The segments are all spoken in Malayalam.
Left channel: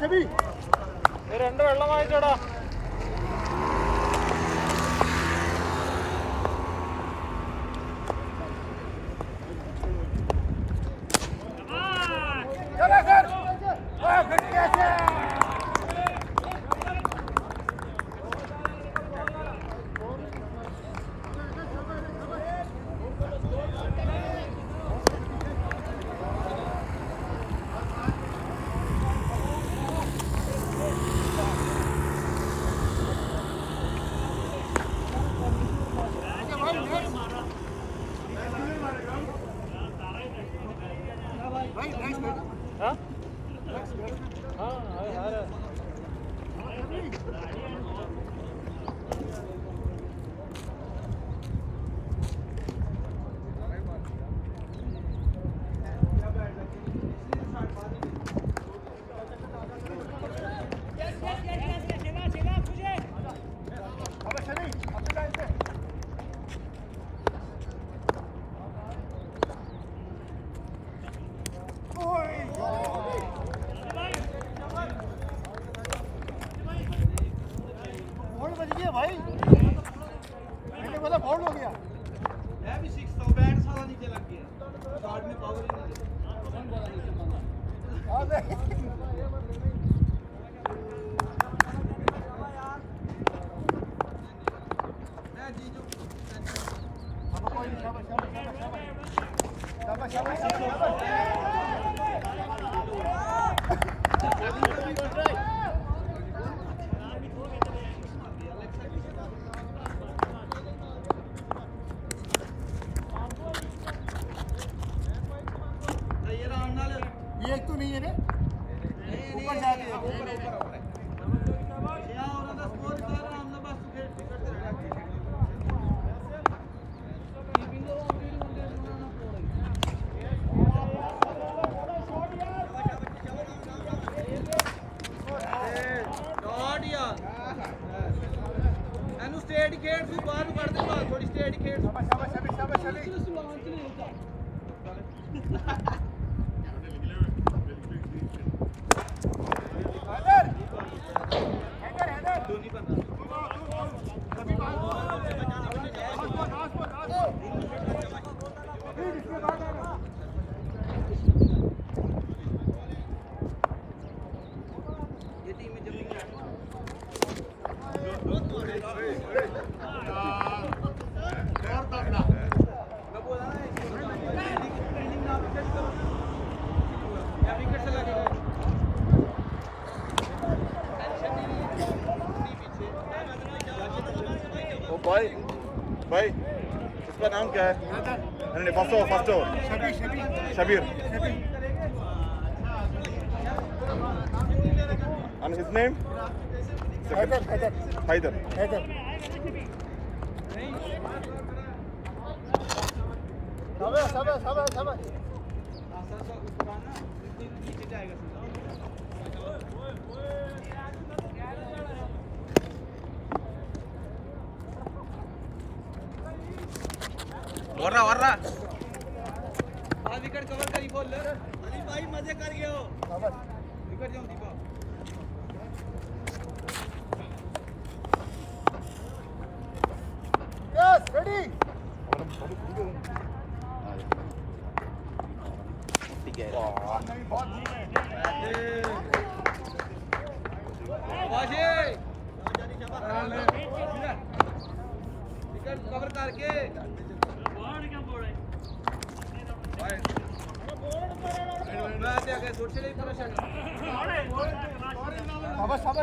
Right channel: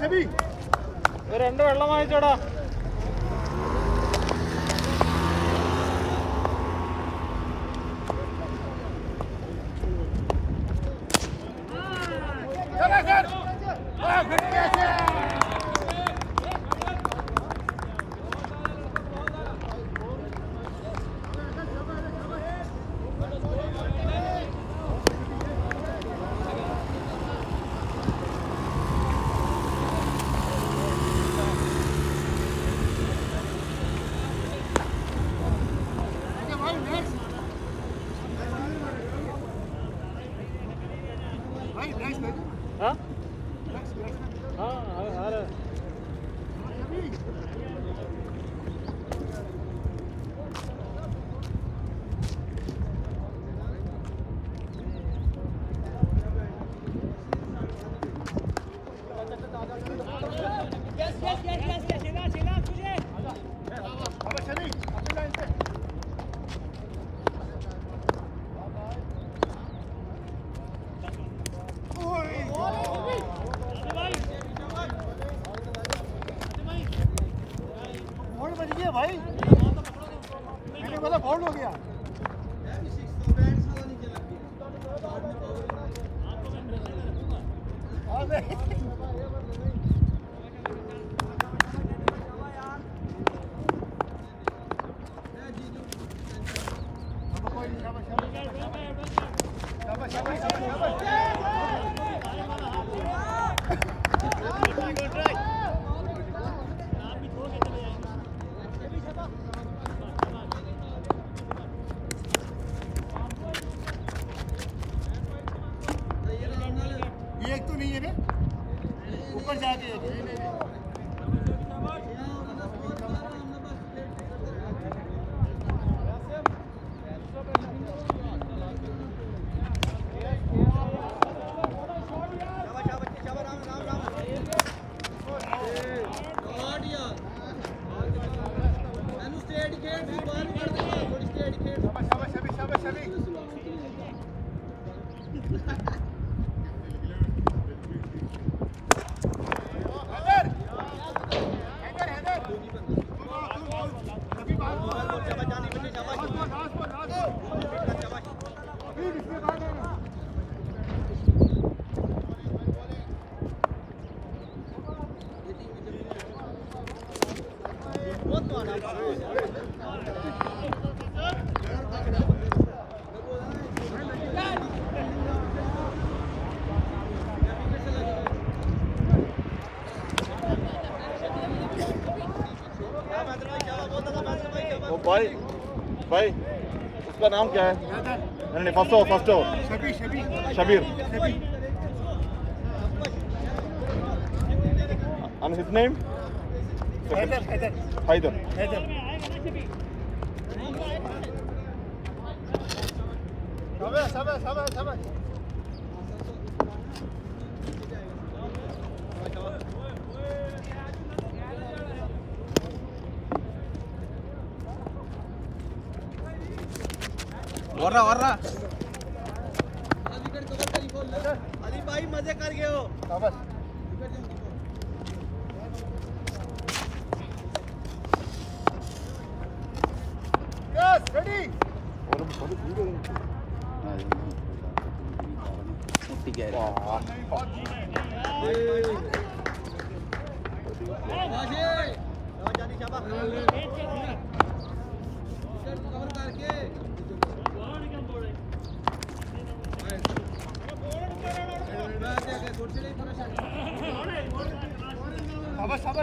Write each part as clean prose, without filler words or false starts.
ശബി രണ്ട് വെള്ളം വാങ്ങിച്ചോടാ. बच गया भाई, मैंने बोला फाउल हो गया। ये एक तो नहीं है ना, ऊपर जाके भाई इसका नाम क्या है? नहीं first Shabir and his name? Haider सब वर्रा अली भाई मजे कर गए हो। यस रेडी ठीक है नहीं बहुत कवर करके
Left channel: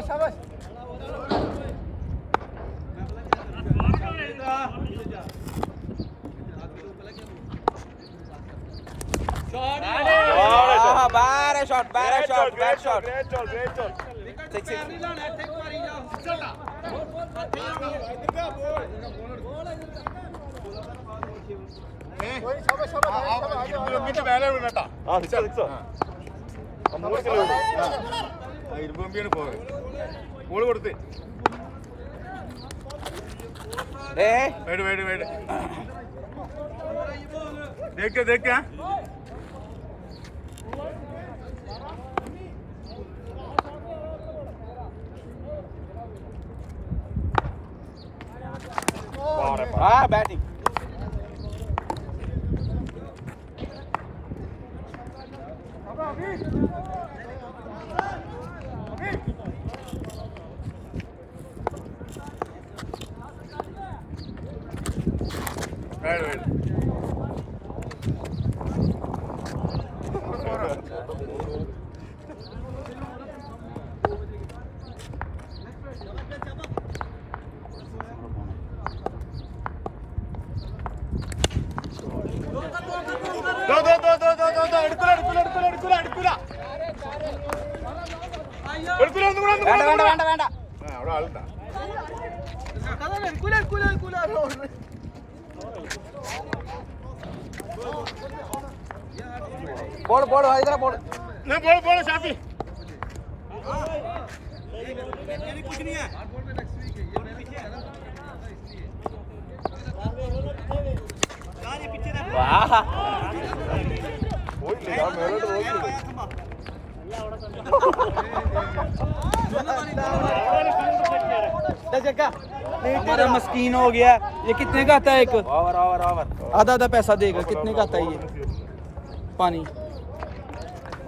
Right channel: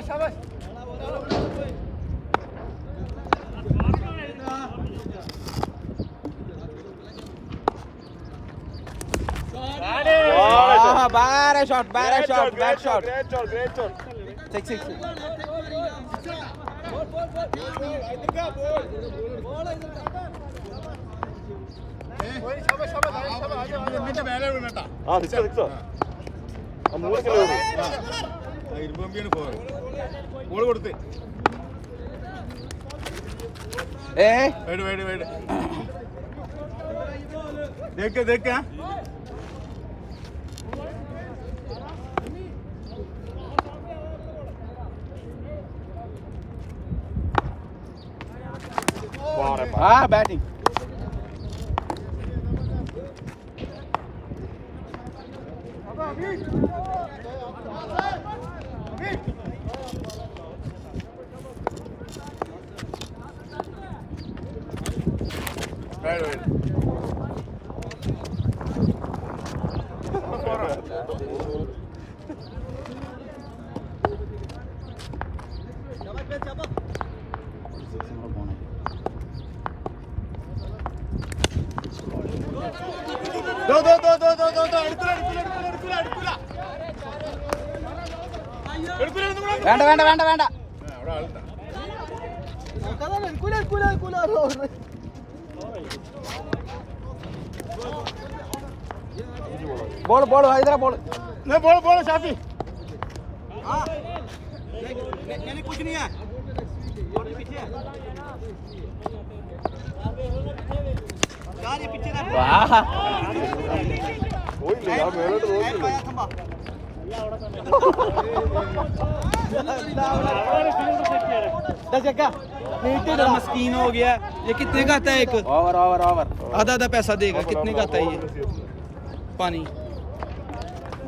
शाबाश Bad shot. Take six. Ball കൊടുത്ത് ദേക്കാ हाँ बैटिंग വേണ്ട വേണ്ട വേണ്ട വേണ്ട ബോൾ ബോൾ ഇതര ബോൾ बोलो शाफी कुछ नहीं है मस्कीन हो गया ये कितने का आता है एक ओवर ओवर ओवर आधा आधा पैसा देगा कितने का आता है ये पानी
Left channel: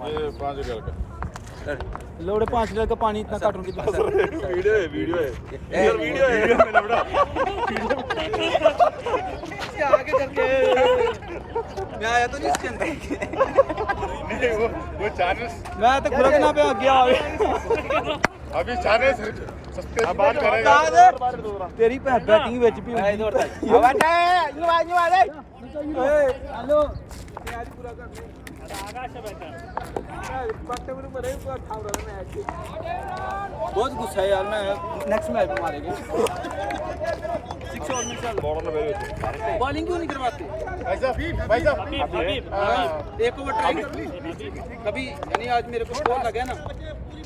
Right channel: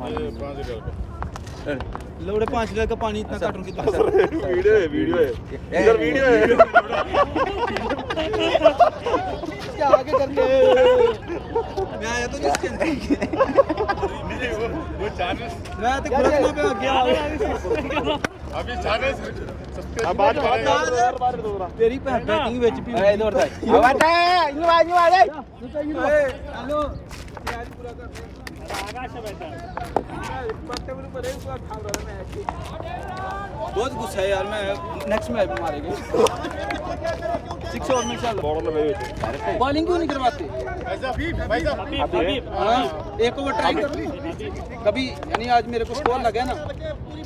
ये 5 रुपए का लोड़े 5 लीटर का पानी इतना काटूं कितना वीडियो है इधर वीडियो है क्या आगे करते मैं आया तो नहीं इसके अंदर मैं तो खुरकना पे आ गया अभी चैनल सब्सक्राइब करेंगे तेरी बैटिंग विच भी इधर हेलो तैयारी पूरा कर बहुत गुस्सा है यार मैं नेक्स्ट मैच में मारेंगे 6 ओवर में चल बॉलिंग क्यों नहीं करवाते एक ओवर ट्राई कर ली कभी यानी आज मेरे को स्कोर लगा ना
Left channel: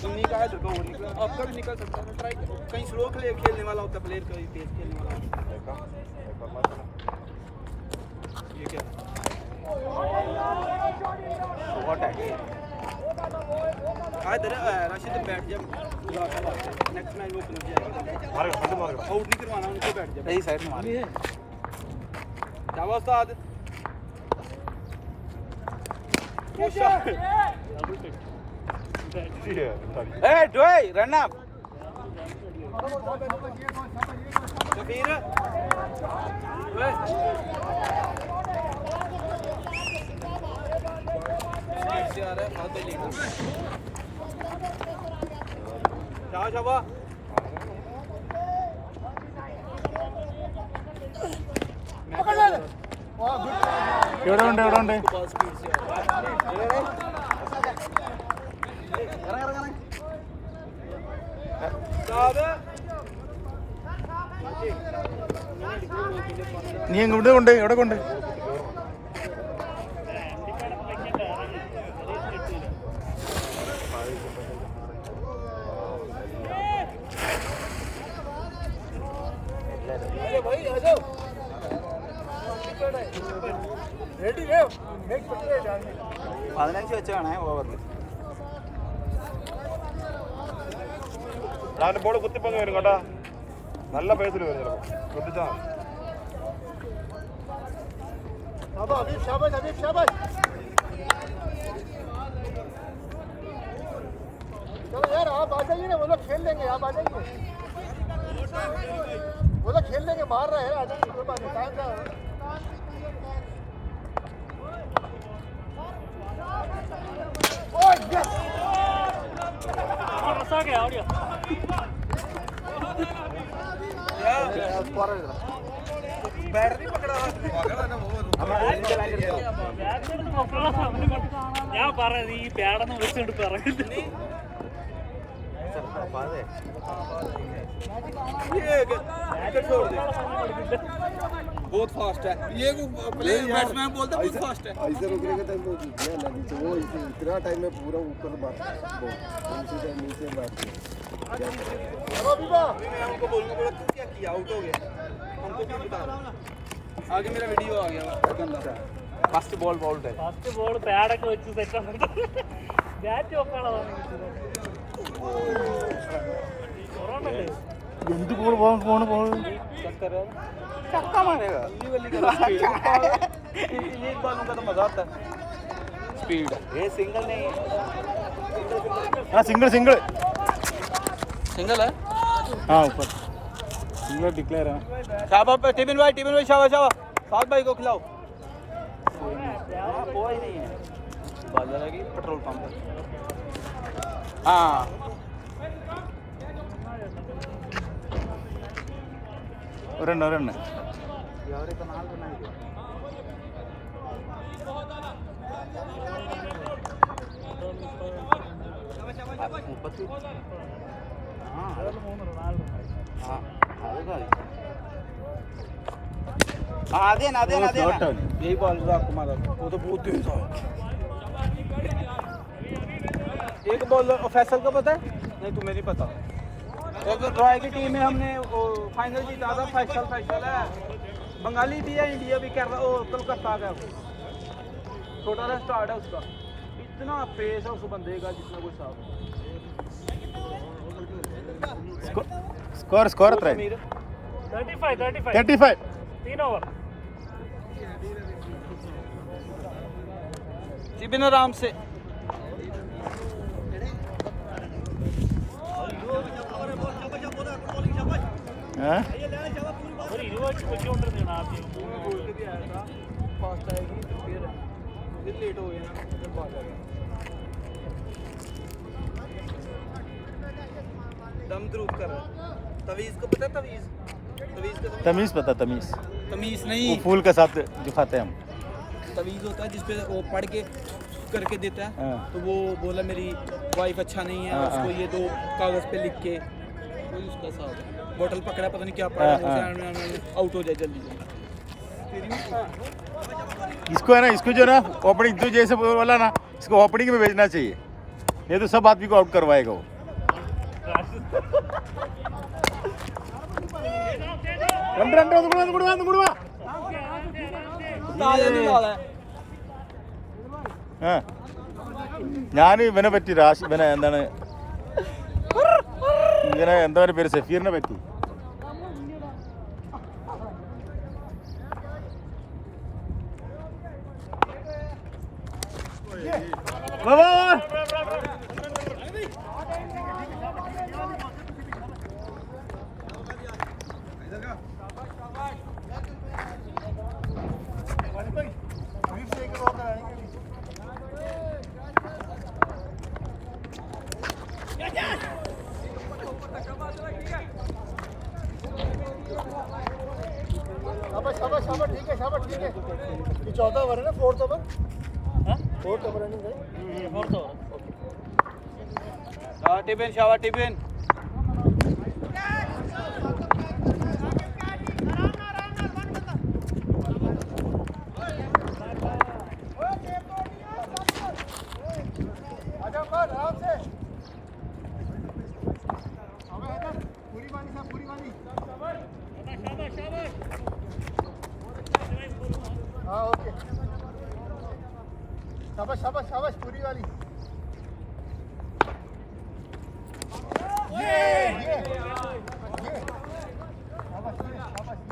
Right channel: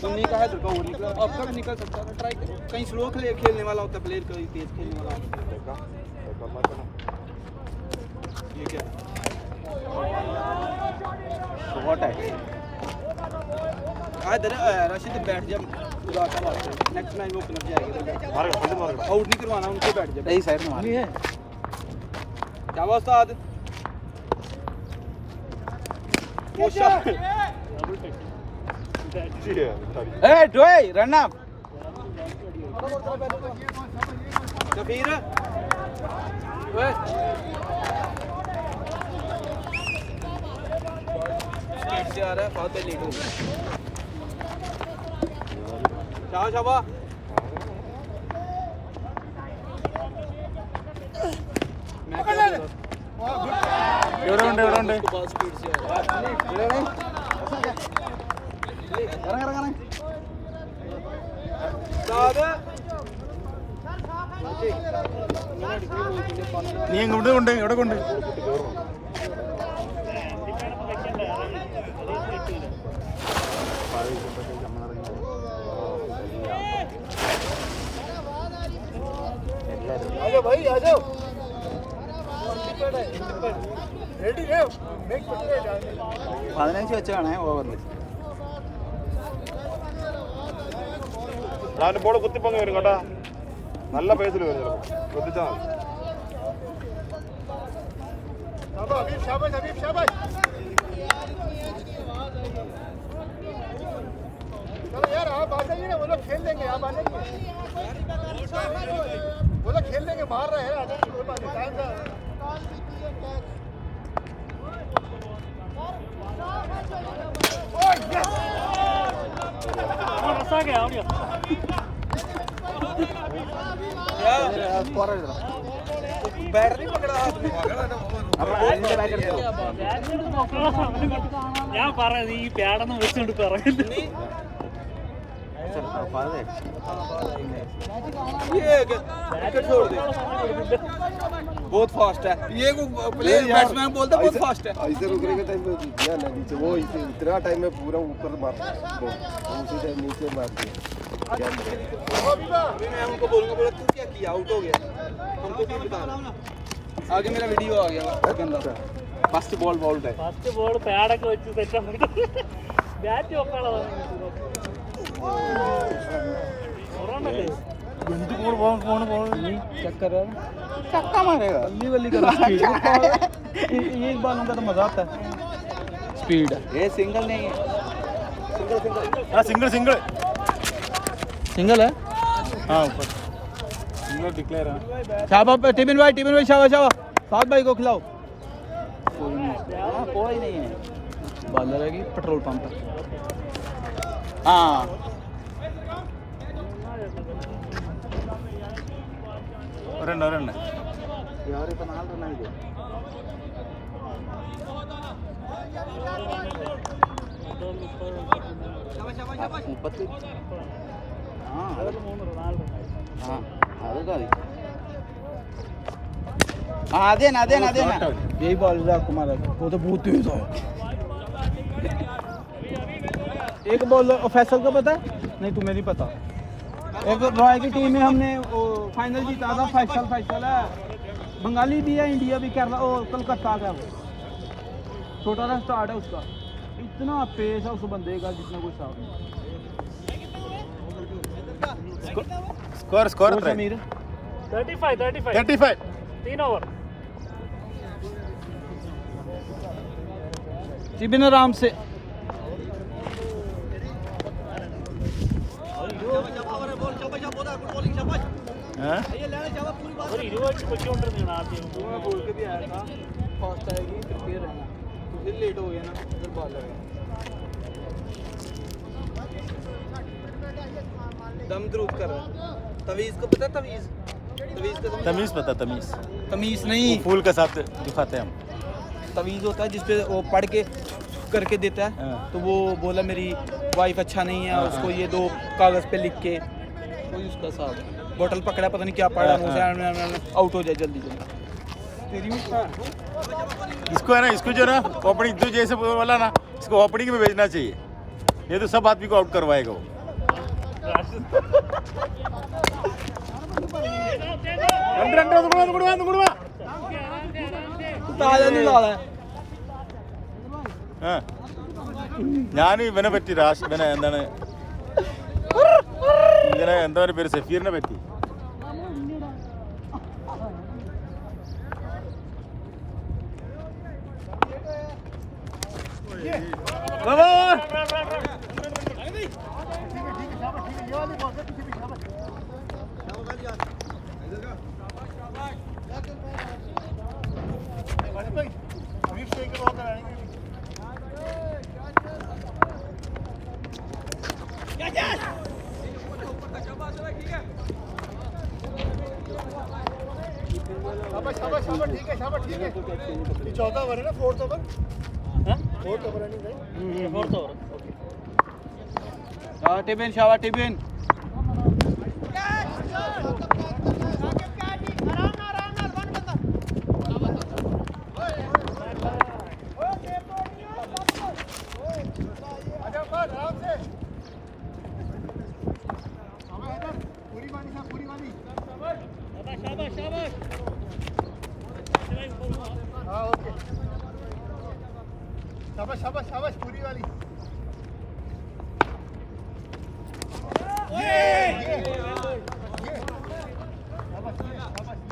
तुमने कहा तो निकला अब तक निकल सकता है ट्राई करो कहीं स्लो खेलने वाला होता है प्लेयर कहीं तेज खेलने वाला होता है ये क्या शॉट है राशिद बैठ जा नेक्स्ट मैच वो क्लब जाएगा आउट नहीं करवाना उनसे बैठ जा नहीं साइड में है क्या उस्ताद ए डोए रन अप कबीर ओए जा रहा है बहुत लेट शाबाश पकड़ ले നീ ഇങ്ങോട്ട് കൊണ്ട് ഇവിടെ കൊണ്ട് भाई आ जाओ रेडी है मेक सकते हैं जाने 15 വെച്ചാണ് ഓവറിൽ ഞാൻ ബോൾ കുത്തിപ്പൊങ്ങി വരും കേട്ടോ നല്ല പേസിൽ വരും കുത്തിച്ചാ बाबा अभी शाबाश चलो यार आप आ जाइए ना वो लोग खेल लेंगे आप आ जाइए वो लोग खेल लेंगे मार रहे हैं आ जाइए कोई बात नहीं टाइम का ഞാൻ പറയുന്നത് ഈ പേടന്ന് വെച്ചോണ്ട് പറയുന്നത് बहुत फास्ट है ये प्लेयर बैट्समैन बोलता बहुत फास्ट है ऐसे रुकने का टाइम पे ध्यान है नीचे वो इतना टाइम में पूरा ऊपर मार वो उसी टाइम नीचे मार दिया क्या करें मैं उनको बोलूंगा बोला तू क्या किया आउट हो गया तुमको भी बता रहा आगे मेरा वीडियो आ गया गंदा फर्स्ट बॉल बॉल्ड है ഫസ്റ്റ് ബോൾ പേടൊക്കെ വെച്ച് സെറ്റ് ബാറ്റ് വെക്കാനുള്ള എന്ത് പോണ് चेक कर रहा है चक्का मारेगा अल्ली वल्ली का स्पीड ये एक बार में तो मजा आता है स्पीड ये सिंगल नहीं हाँ सिंगल सिंगल सिंगल है हाँ ऊपर सिंगल डिक्लेयर है शाबाश टिबिन भाई शाबाश शाबाश साहब भाई को खिलाओ कोई नहीं है बंद रहेगी पेट्रोल पंप हाँ रन रन देना यही बॉल कुमार वो तो बहुत तेज है एक बॉल फैसल को पता है नहीं तुम्हें नहीं पता एक नोएडा की टीम में हमने वो फाइनल जीता था फैसल है बंगाली भी है इंडिया भी केरला और कलकत्ता का वो छोटा सा स्टार्ट है उसका इतना पेस है उस बंदे का जितना कुछ स्कोर स्कोर 35 3 ओवर सिबिन आराम से हैं पूरी रिवर्स को काउंटर देना आते हैं बोल के भी आ रहा है फास्ट आएगी फिर लेट हो गया ना दम ग्रुप कर रहा तवीज को पता है तवीज का तमीज पता तमीज नहीं फूल के साथ दिखाते हैं हम तवीज होता है जिसपे वो पढ़ के करके देता है हाँ। तो वो बोला मेरी वाइफ अच्छा नहीं है उसको ये दो कागज पे लिख के कोई उसका साहब बोतल पकड़ा पता नहीं क्या पड़ा है मुझे आउट हो जाए जल्दी इसको है ना इसको जो ना ओपनिंग तो जैसे बोला ना इसको ओपनिंग में भेजना चाहिए ये तो सब आदमी को आउट करवाएगा वो ഞാൻ ഇവനെ പറ്റി ഇവനെ എന്താണ് ഇവനെ എന്താ പേര് സഫീറിനെ പറ്റി शाबाश ठीक है ये चौथा ओवर है ना फोर्थ ओवर रनिंग है ये फोर्थ ओवर शाबाश टिबिन आराम से पूरी वाली हाँ ओके शाबाश पूरी वाली ये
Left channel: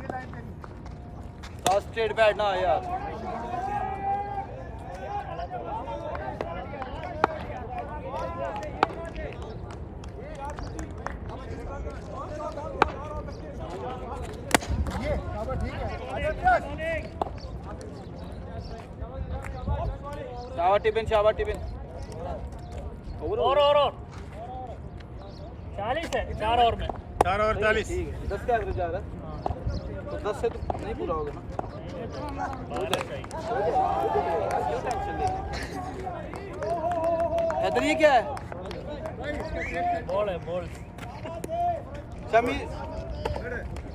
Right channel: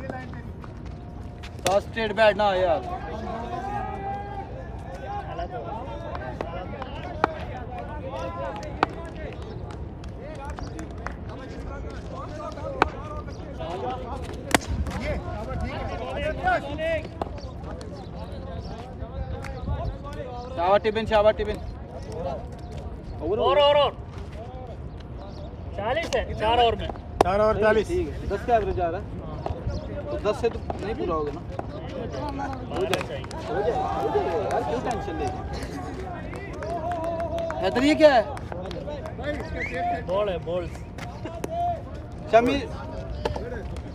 लाइन तेरी स्ट्रेट बैट ना यार शाबाश टिबिन और 40 है 4 ओवर में 4 और 40 10 के एवरेज आ रहा है 10 से तो नहीं बुलाओगे ना इधर ये क्या है बॉल है बॉल शमीर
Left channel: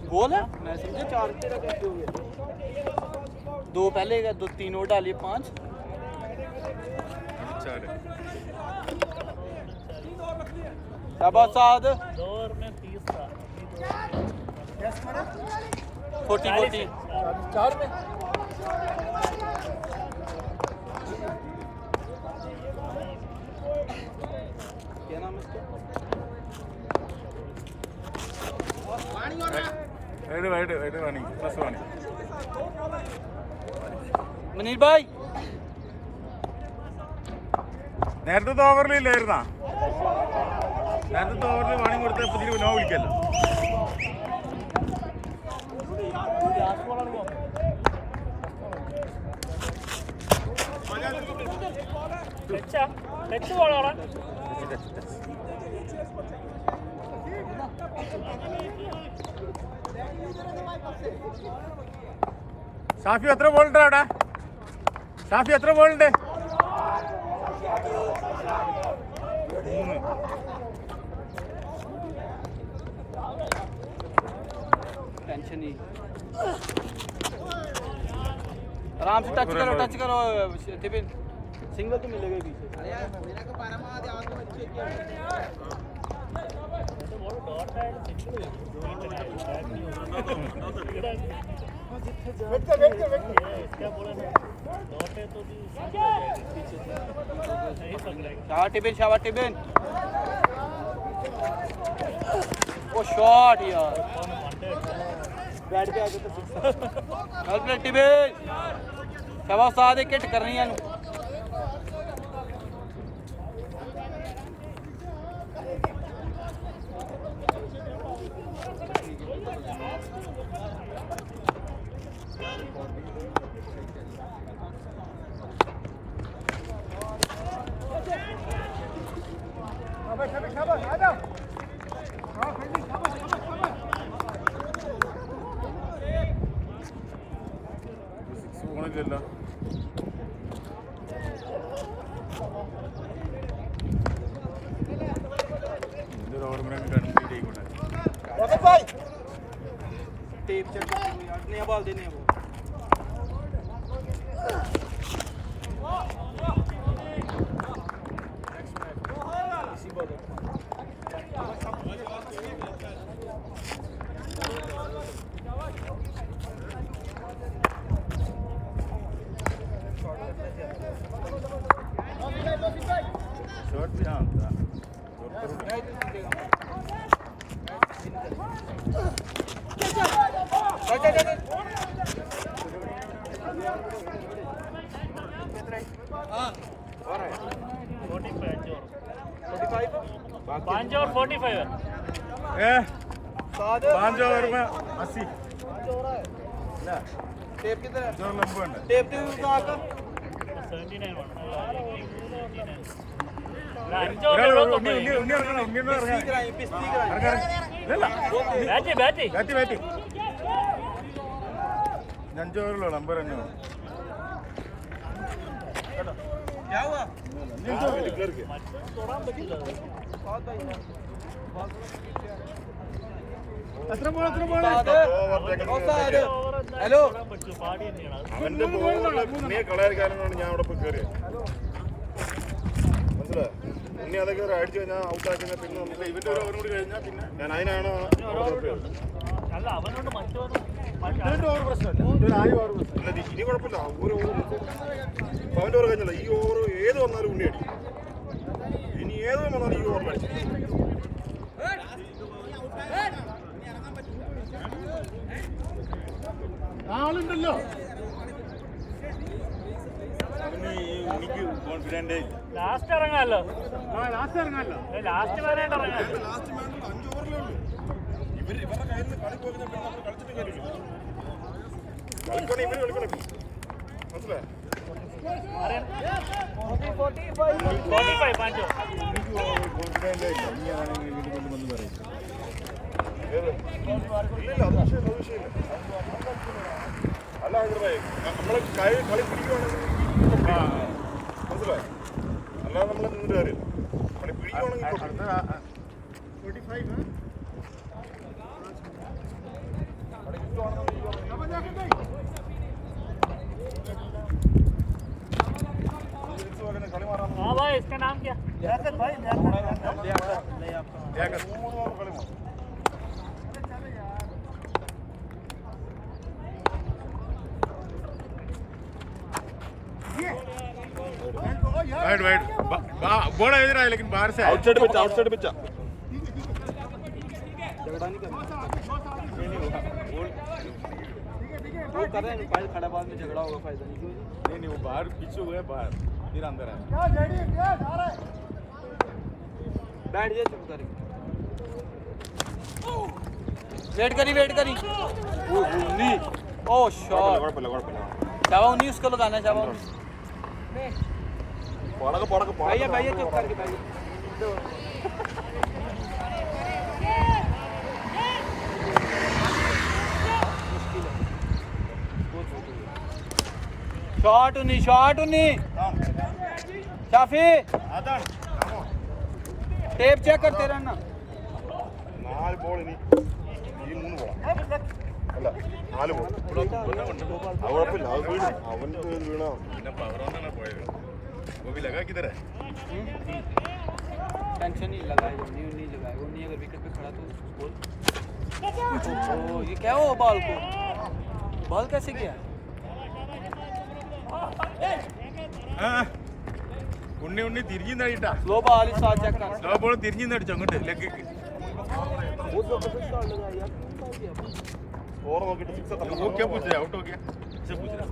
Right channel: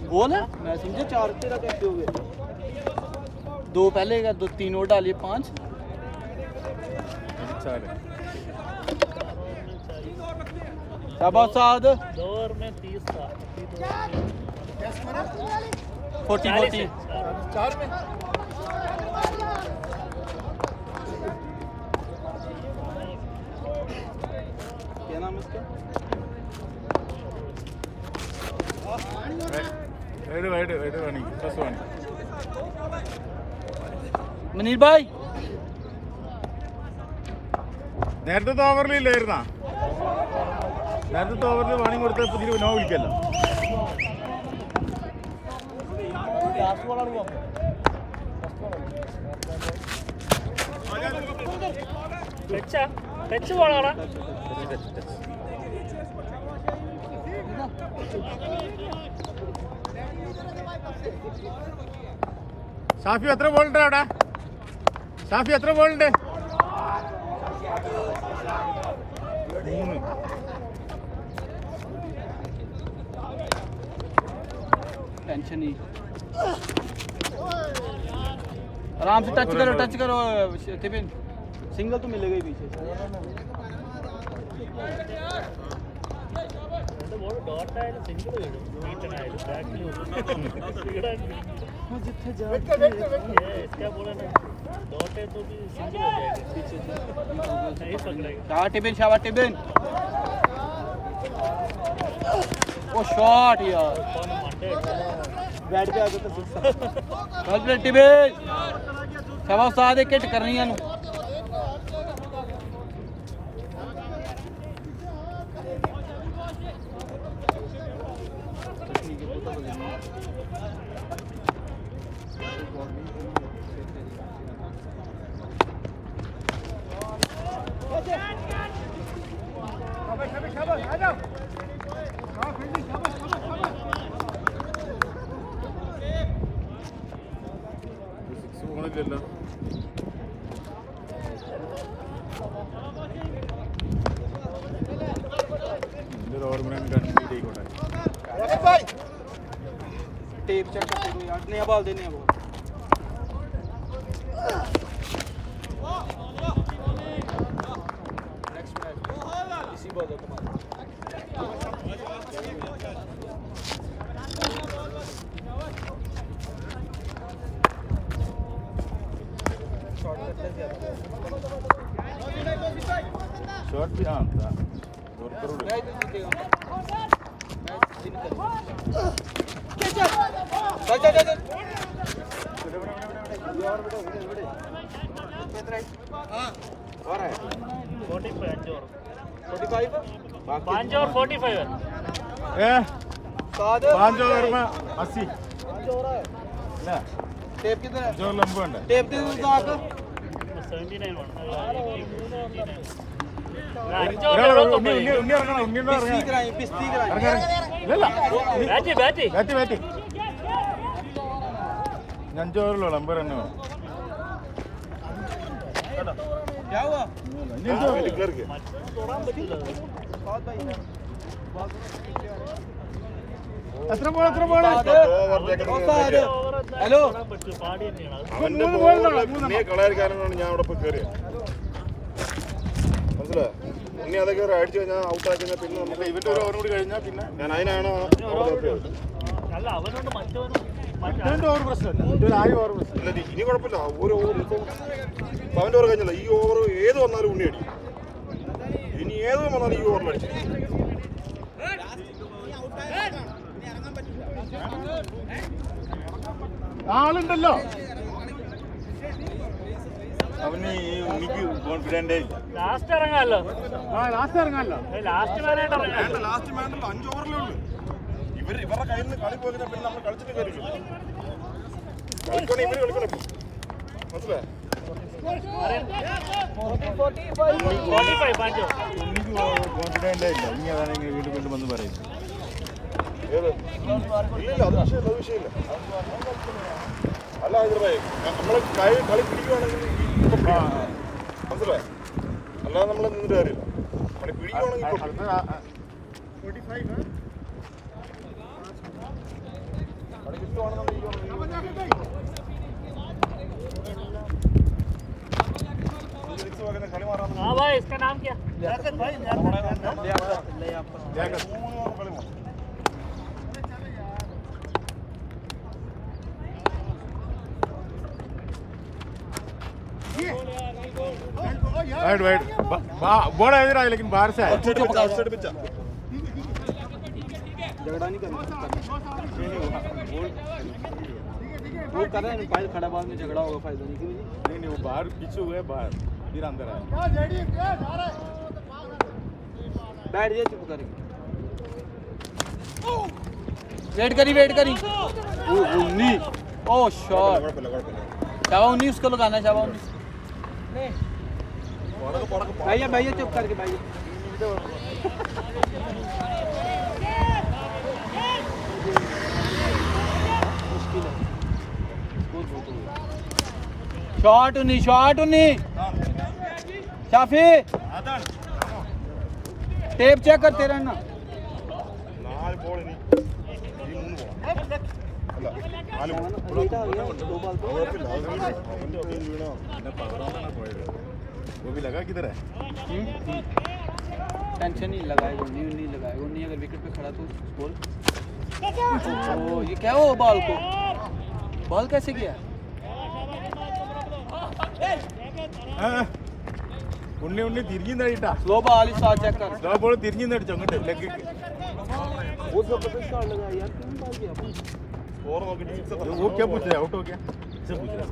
बोल है मैं समझे 4 तेरा कैसे हो गया 2 पहले का 2 3 और डालिए 5 4 है शाबाश साद 2 ओवर में 30 क्या स्कोर है 40 4 में क्या नाम है इसका wait, warning. First warning. Manish भाई നേരത്തെ ഓവറിലില്ലായിരുന്നാ? നേരത്തെ ഓവറിൽ വാണിംഗ് കൊടുത്ത പുതിയ നോ വിളിക്കല്ലോ. ടച്ച് പോളാണ്. ഷാഫി എത്ര ബോളുണ്ട് അവിടെ? ഷാഫി എത്ര ബോളുണ്ട്? 3. टेंशन नहीं, आराम से टच करो टिफिन, सिंगल तो मिलेगा ही पीछे. शाबाश टिफिन. ओ शॉट यार, बैठ के आगे तो वेल प्लेड टिफिन. शाबाश साथ एक हिट करनी है. शाबाश आ जाओ. हाँ फील्डिंग शाबाश. പോണില്ലല്ലോ. ഇതൊരു ഓവർ കൂടെ കംപ്ലീറ്റ് ആയിക്കോട്ടെ. टेप चेक करते यार, नया बॉल देने हैं वो. इसी बॉल शॉट भी हाँ था. पाँच ओवर में 80. टेप कितने? जो लंबा है टेप की आकर पिस्ती कराई. അഞ്ചോവറിലോ നമ്പർ തന്നെ. क्या हुआ? എത്ര ബോൾ हेलो കളയാൻ ഞാൻ അവിടെ പോയി കയറി മനസ്സിലായോ? ഇനി അതൊക്കെ അടിച്ചു കഴിഞ്ഞാൽ ഔട്ടാക്കി കഴിഞ്ഞാൽ പിന്നെ നമുക്ക് ഇവന്റെ ഒരു ഓവർ കൂടി കഴിഞ്ഞാൽ പിന്നെ ഞാൻ അതിനാണ് അവിടെ നിർത്തിയത്. അല്ല ഇനി കുഴപ്പമില്ല. ഒരു ഓവർ അവൻ്റെ ഓവർ കഴിഞ്ഞല്ല. ഈ ഓവർ ഏത് വന്നാലും ഉണ്ണി അടി. ഇനി ഏത് വന്നാലും ഈ ഓവറിൽ അടിച്ചു. ആളുണ്ടല്ലോ അവന്. ഈ ഉണ്ണിക്ക് കോൺഫിഡന്റ് ലാസ്റ്റ് ഇറങ്ങാമല്ലോ. ലാസ്റ്റ് ഇറങ്ങാമല്ലോ. ലാസ്റ്റ് വേണേട്ടോ. ലാസ്റ്റ് വേണ്ടല്ലോ. 5 ഓവറിലേ ഉള്ളൂ. ഇവരുടെ കയ്യിൽ നിന്ന് കളി പോയി പിന്നെ നമ്മൾ കളിച്ചിട്ട് കാര്യമില്ല. മനസ്സിലായോ? കോൺഫിഡന്റ് ഇല്ല. ഇനി അതാണെങ്കിൽ വീണ്ടും വന്ന് പറയുന്നു. ഇല്ലില്ല, അത് വിഷയമില്ല. അല്ല ഹൈദരാബാദ് നമ്മളെ കളി പിടിക്കുവാണെങ്കിൽ മനസ്സിലായോ? അല്ലാതെ നമ്മൾ നിന്നിട്ട് കാര്യം കളി പിടിക്കുവാണെങ്കിൽ 45 हाँ भाई, इसका नाम क्या? बड़ा इधर आया लेकिन बाहर से आया. आउटसाइड पिच झगड़ा नहीं करना. वो कर रहा है फाइल खड़ा बाद में झगड़ा होगा फाइल नहीं नहीं वो बाहर पीछे हुए बाहर फिर अंदर है बैठ जा चुप करके वेट करी ओ उन्नी ओ शॉट चावा उन्नी उसको लगाना चावा भैया चुप करके भैया शॉट उन्नी शाफी टेप चेक करते रहना നാല് ബോൾ ഇനി ഈ മൂന്ന് അല്ല നാല് ബോൾ ഇവിടെ തുമ്പന്നെ ഉണ്ട് കുഴപ്പമില്ല അവൻ്റെ വീണോ പിന്നെ പവർ കൊണ്ടാണ് പോയത് वो भी लगा किधर है टेंशन नहीं लगाएगा नहीं लगाएगा उन्नी अगर विकेट पे खड़ा तो गोल ये क्या हुआ बॉल कैसे गया ഉണ്ണി തിരിഞ്ഞിട്ടാ स्लो बॉल इस साथ चेक कर സ്ലോ ബോൾ തിരിഞ്ഞിട്ടടിച്ചു അങ്ങോട്ട് ലെഗ് और നോക്കിട്ട് സിക്സ് वो क्या पूछ रहा है आउट हो गया से पूछ रहा है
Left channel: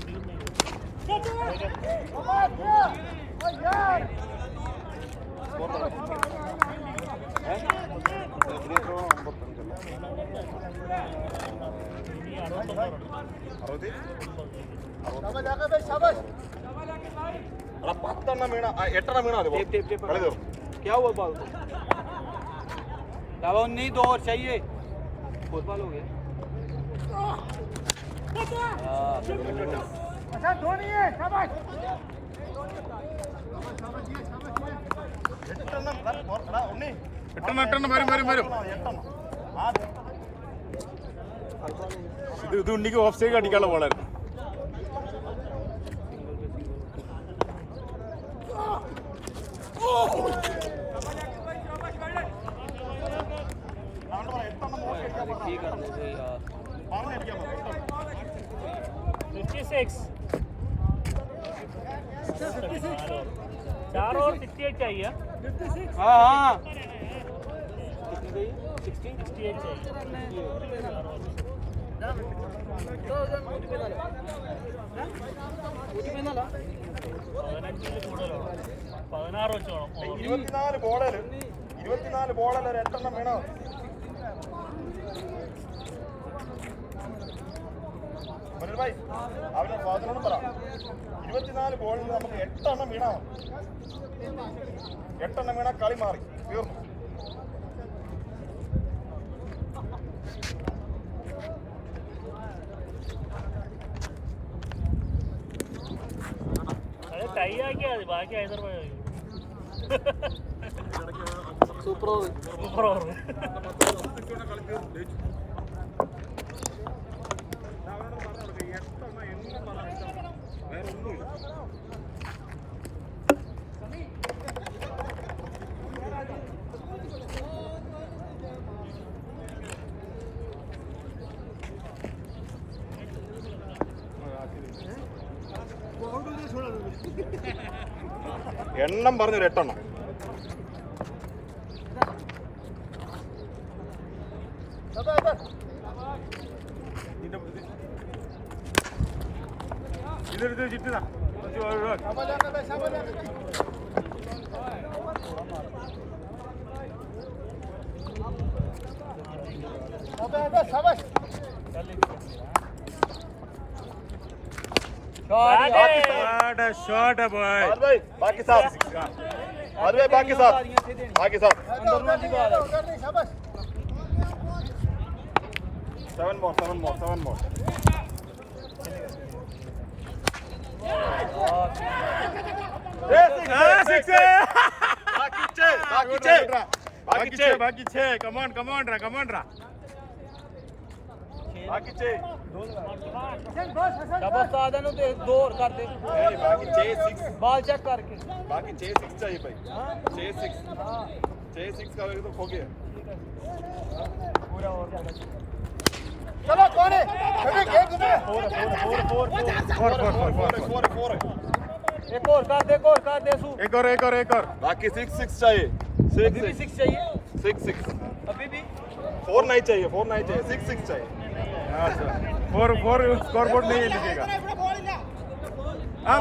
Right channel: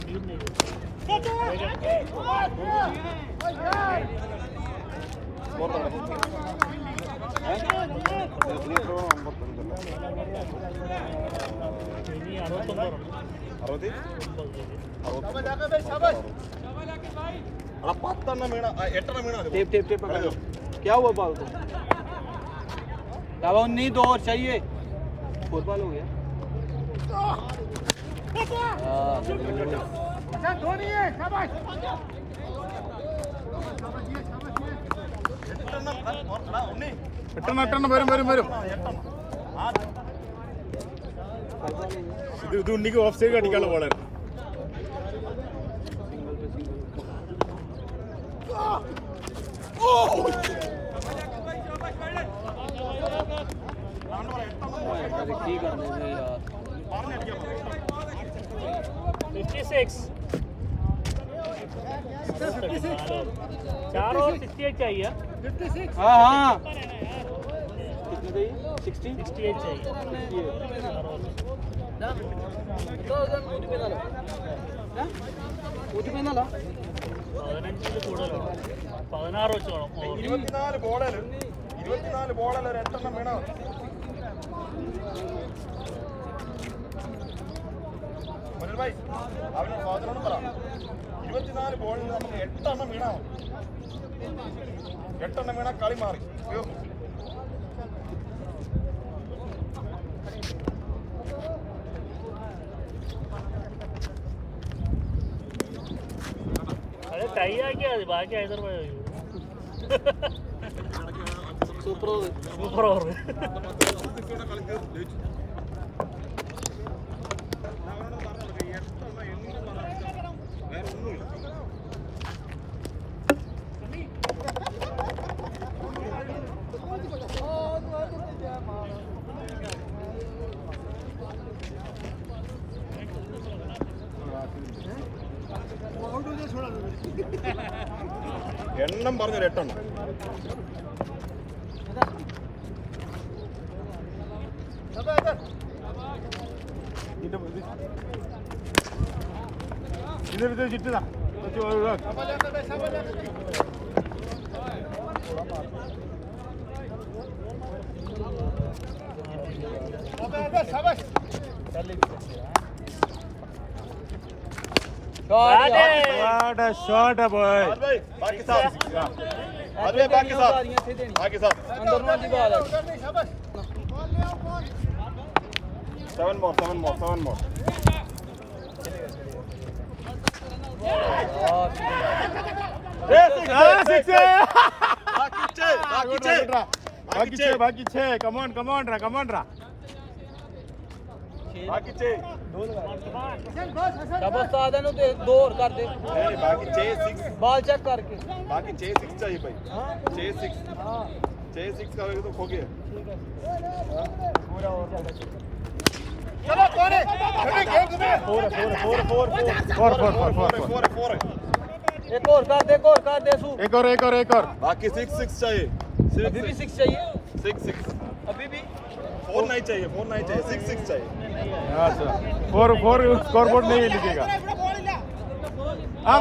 അടാ 10 എണ്ണം വീണ 8 എണ്ണം വീണ टेप കളി തീർന്നു क्या हुआ बॉल को चावा उन्नी 2 और चाहिए फुटबॉल हो गया എട്ടെണ്ണം വരും ഇത് ഉണ്ണിക്ക് ഓഫ് സൈഡ് അടിക്കാനുള്ള ബോളായിരുന്നു ठीक है 56 चार और 68 चाहिए 56 हाँ कितनी 16 68 चाहिए പതിനാറ് വെച്ചോളാം 24 ബോളല്ലേ 24 ബോളല്ലേ ഒരു 8 എണ്ണം വീണോ ഭായ് അവന് മാത്രം പറ 24 ബോളിൽ നമുക്ക് 8 എണ്ണം വീണോ 8 എണ്ണം വീണ കളി മാറി തീർന്നു ടൈ ആക്കിയാൽ മതി ബാക്കി Hyderabad super over super over കളി തീർന്നു ജയിച്ചു അവനോട് പറഞ്ഞു കൊടുക്കുക 8 എണ്ണം എന്നും പറഞ്ഞു വേറെ ഒന്നുമില്ല എണ്ണം പറഞ്ഞൊരു 8 എണ്ണം ഇതൊരു ചുറ്റുതാ शॉट है बॉय बाकी साहब बाकी साहब 7 more बाकी छे कमॉन रा बाकी छे बस आधा नु दे 2 और कर दे बाकी 6 बॉल चेक करके बाकी 6 चाहिए भाई 6 करेंगे तो खो गया चलो कौन है फोर एक और कर दे सू एक और बाकी 6 चाहिए 6 चाहिए 6 अभी भी 4 4 नहीं चाहिए 6 चाहिए फोर स्कोर बोर्ड नहीं लिखेगा हाँ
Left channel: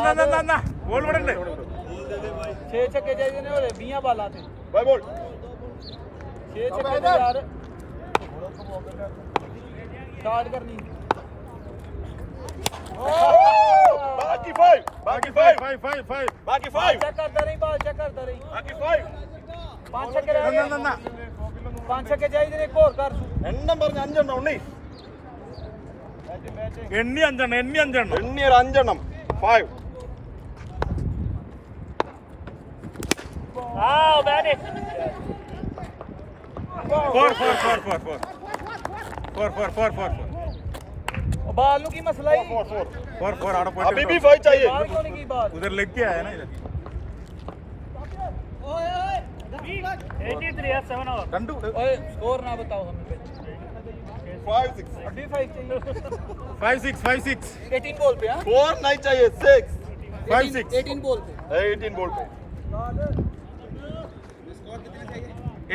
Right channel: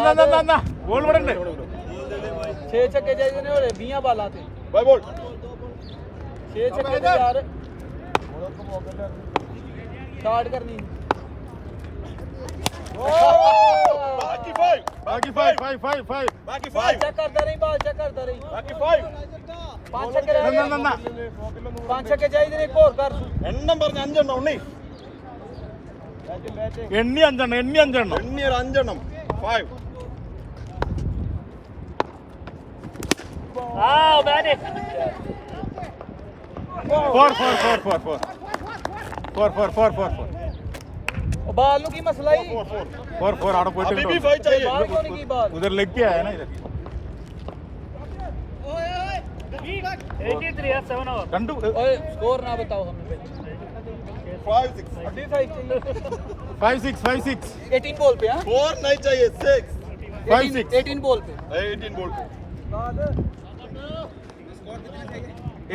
ना बोल बड़े 6 छक्के चाहिए ने 20 बाला थे भाई बोल 6 छक्के यार स्टार्ट करनी बाकी 5 बाकी 5 चेक करता रही बाल चेक करता रही बाकी 5 छक्के रह गए ना 5 छक्के चाहिए एक और कर എണ്ണം പറഞ്ഞ 5 എണ്ണം ഉണ്ണി എണ്ണി അഞ്ചെണ്ണം എണ്ണി ഒരു 5 എണ്ണം 5 4 बाल की मसला ही അവിടെ अभी भी പോയിട്ട് 5 चाहिए की बाल उधर लेग के आया ना इधर 83 है 7 ओवर കണ്ടു स्कोर ना बताओ हमें 5 6 अभी 5 5-6 18 बॉल पे हां 4 नहीं चाहिए 6 5-6 18 बॉल पे 18 बोल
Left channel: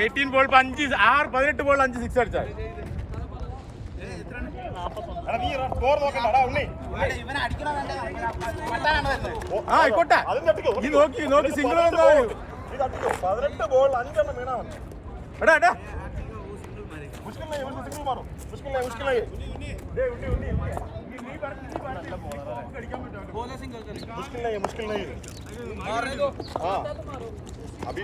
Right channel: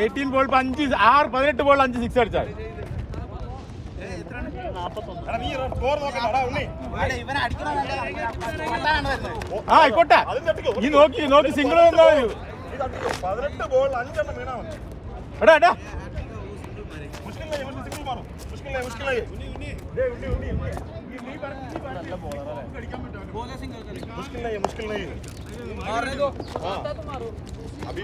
18 ബോൾ 5 6 18 ബോൾ 5 6 അടിച്ചാൽ ആ ആയിക്കോട്ടെ നീ നോക്കി സിംഗിൾ വന്നാ മതി 18 ബോൾ 5 എണ്ണം വീണാ മതി എടാ मुश्किल नहीं सिंगल मारो मुश्किल नहीं बॉल है सिंगल करेगा मुश्किल नहीं मारने दो आता तो मारो अभी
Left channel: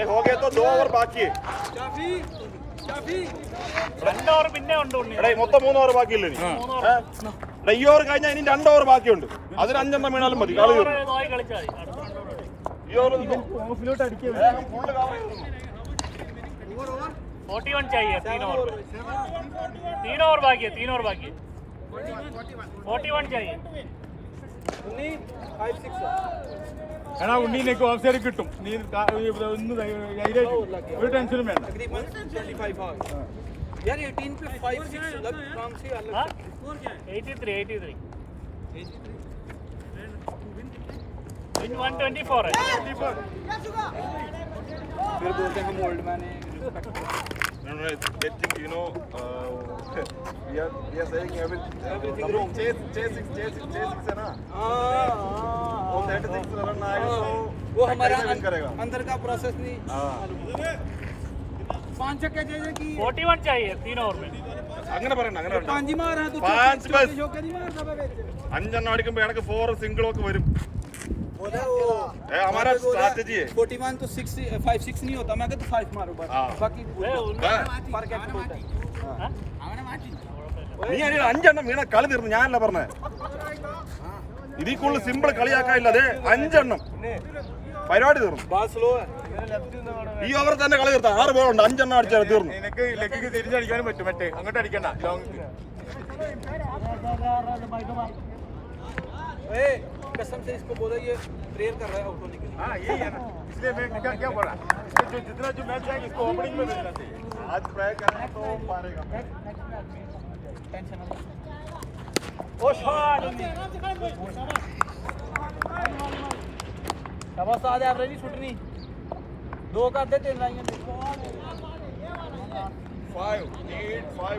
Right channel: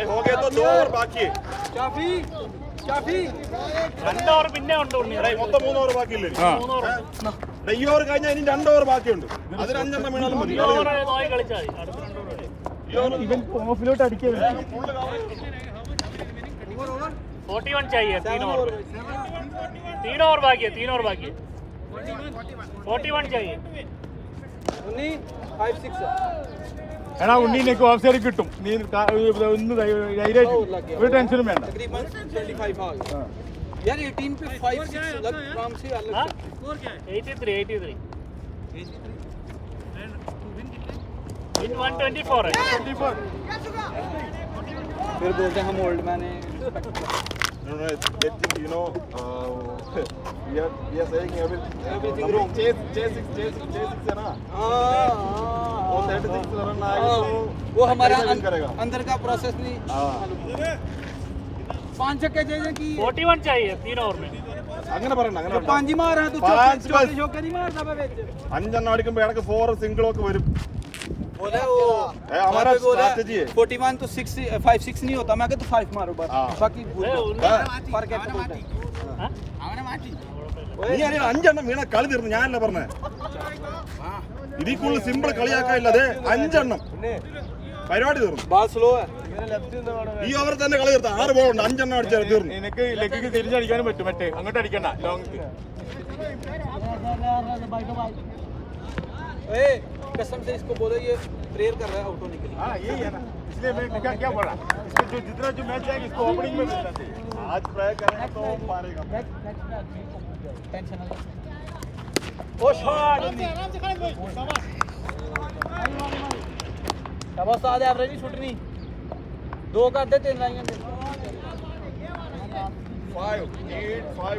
एक हो गया तो 2 और बाकी है चाफी 2 ഓവർ പിന്നെ ഉണ്ട് ഉണ്ണി എടേ മൊത്തം 3 ഓവർ ബാക്കിയില്ലേ ഈ ഓവർ കഴിഞ്ഞാൽ ഇനി 2 ഓവർ ബാക്കിയുണ്ട് അതിന് 5 എണ്ണം വീണാലും മതി കളി തീർന്നു. നോയി കളിച്ചാൽ ഇവൻ ഓഫിലോട്ട് അടിക്കാൻ 41 चाहिए 3 ओवर 3 ओवर बाकी है 3 ओवर बाकी है 41 चाहिए 5 6 എടാ ഉണ്ണി നിനക്ക് ഓഫ് സൈഡ് കിട്ടും നീ ഒന്ന് ധൈര്യമായിട്ട് ഒരു ടെൻഷനും വേണ്ട तकरीबन 25 आ गया यार 18 पे 5 6 अलग काम से अलग स्कोर क्या है 83 इन 124 है फिर बोलते हैं हम ओल्ड मैन है No, they think, you know, we are saying everything wrong. Chase है ना. वो 36 रन आएगा तो वो हमारा win करेगा. अंदर का प्रोसेस नहीं हाँ. 5 छक्के चाहिए कि 41 चाहिए 3 ओवर में അങ്ങനെ പറയണ്ട അങ്ങനെ പറയണ്ട. 5 ही मार रहा तू पांच बस. चौके नहीं मारता बे बेच 5 എണ്ണം അടിക്കുമ്പോൾ എനിക്ക് 4 സിംഗിൾ ഒക്കെ വരും. बोला वो हमारा strategy है. 41 तो 6 5 6 नहीं होता मैं कहता 5 मारो बस हाँ. बाकी फर्क है നീ അതിന് 5 എണ്ണം വീണ കളി തീർന്നു ഞാനല്ല പറഞ്ഞേ ഇതിൽ കൂടുതൽ സിമ്പിൾ കളിയാക്കാനില്ല അതെ 5 എണ്ണം പരിപാടി തീർന്നു बाल स्लो है ഈ ഓവർ തന്നെ കളി തീർത്താ 6 ബോൾ ഉണ്ട് 5 എണ്ണം അടിച്ചാൽ തീർന്നു നിനക്ക് ലെഗിക്ക് തിരിച്ചടിക്കാനും പറ്റും മറ്റേ അങ്ങോട്ട് അടിക്കണ്ട ലോങ് ए कसम से इसको बोलो ये प्रेयर कर रहा है आउट होने के लिए हाँ यही है ना इसलिए मैंने क्या बोला जितना जो मैच है इसको ओपनिंग में देना चाहिए आज ट्राई करना तो मारेगा टेंशन मत आराम से खड़े भाई शाबाश शाबाश आज एवरेज नहीं छूटनी 2 कर दे 3 लाएंगे 5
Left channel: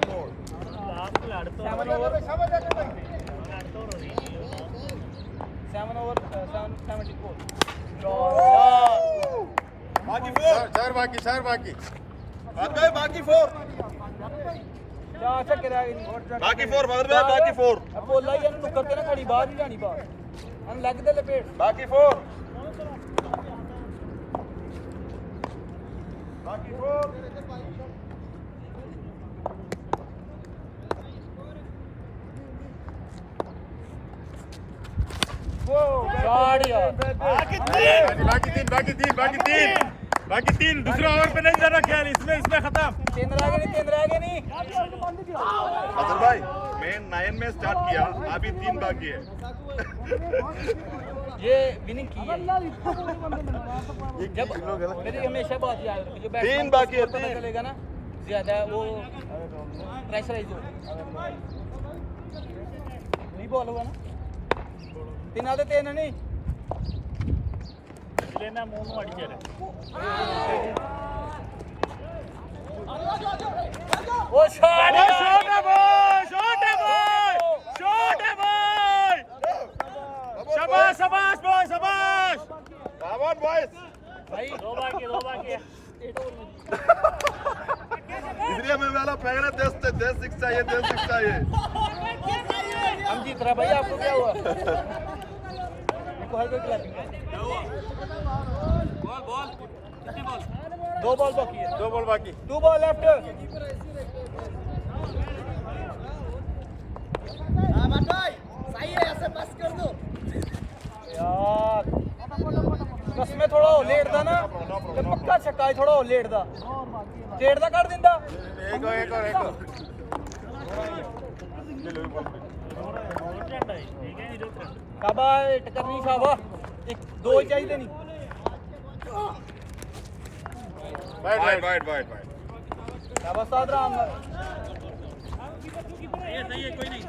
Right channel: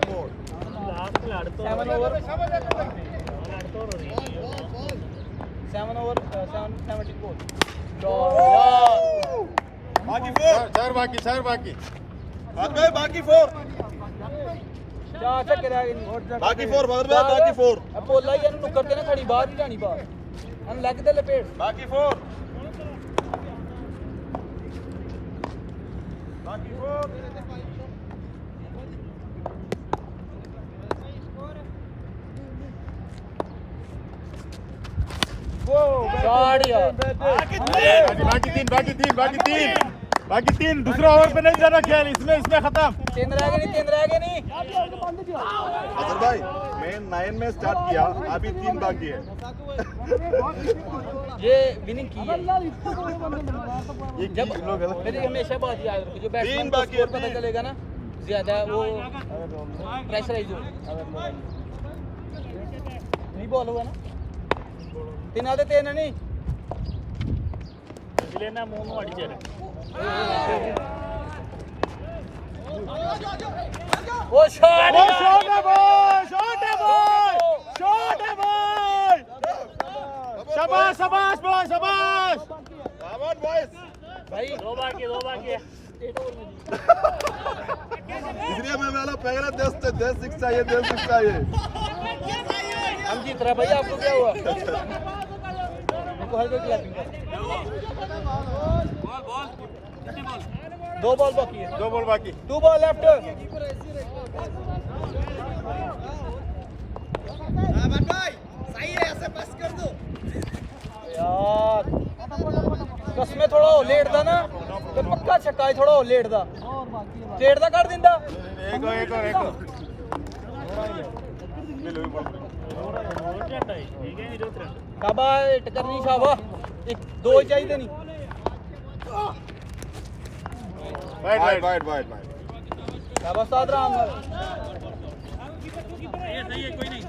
more शाबाश भाई 7 ओवर 74 चार बाकी बाकी 4 चार छक्के रह गए बाकी 4 मगर भाई बाकी 4 बोला ये करते ना खड़ी बाहर नहीं जानी बाहर हम लग दे लपेट बाकी 4 बाकी तीन दूसरा ओवर पे नहीं जाना ख्याल इसमें खत्म 3 रह गए नहीं अजहर भाई मैं 9 में स्टार्ट किया अभी 3 बाकी है ये विनिंग की है जब मेरी हमेशा बात याद रखो जो 3 बाकी है पता चलेगा ना ज्यादा वो प्रेशराइज हो नहीं बॉल हुआ ना 3 आते 3 नहीं ഇതിലെന്നാ 3 അടിച്ചേരെ वो शॉट वो शॉट है बॉय, शॉट है बॉय, शॉट है बॉय। शाबाश शाबाश बॉय, शाबाश। Come on, boys. भाई दो बाकी इसलिए मैं वाला पहले देश सिक्स चाहिए, देश सिक्स चाहिए। हम जीत रहे भैया, आपको क्या हुआ? बॉल कितनी बॉल? दो बॉल बाकी है, दो बॉल बाकी। 2 बॉल लेफ्ट। सही है, ऐसे पास कर दो यार। कसमें थोड़ा लेट दा ना तो पक्का छक्का है, थोड़ा लेट दा कर दिंदा। एक और शाबाश, टकरनी शाबाश। एक दो ही चाहिए नहीं। वाइड। शाबाश सादराम। सही है, कोई नहीं।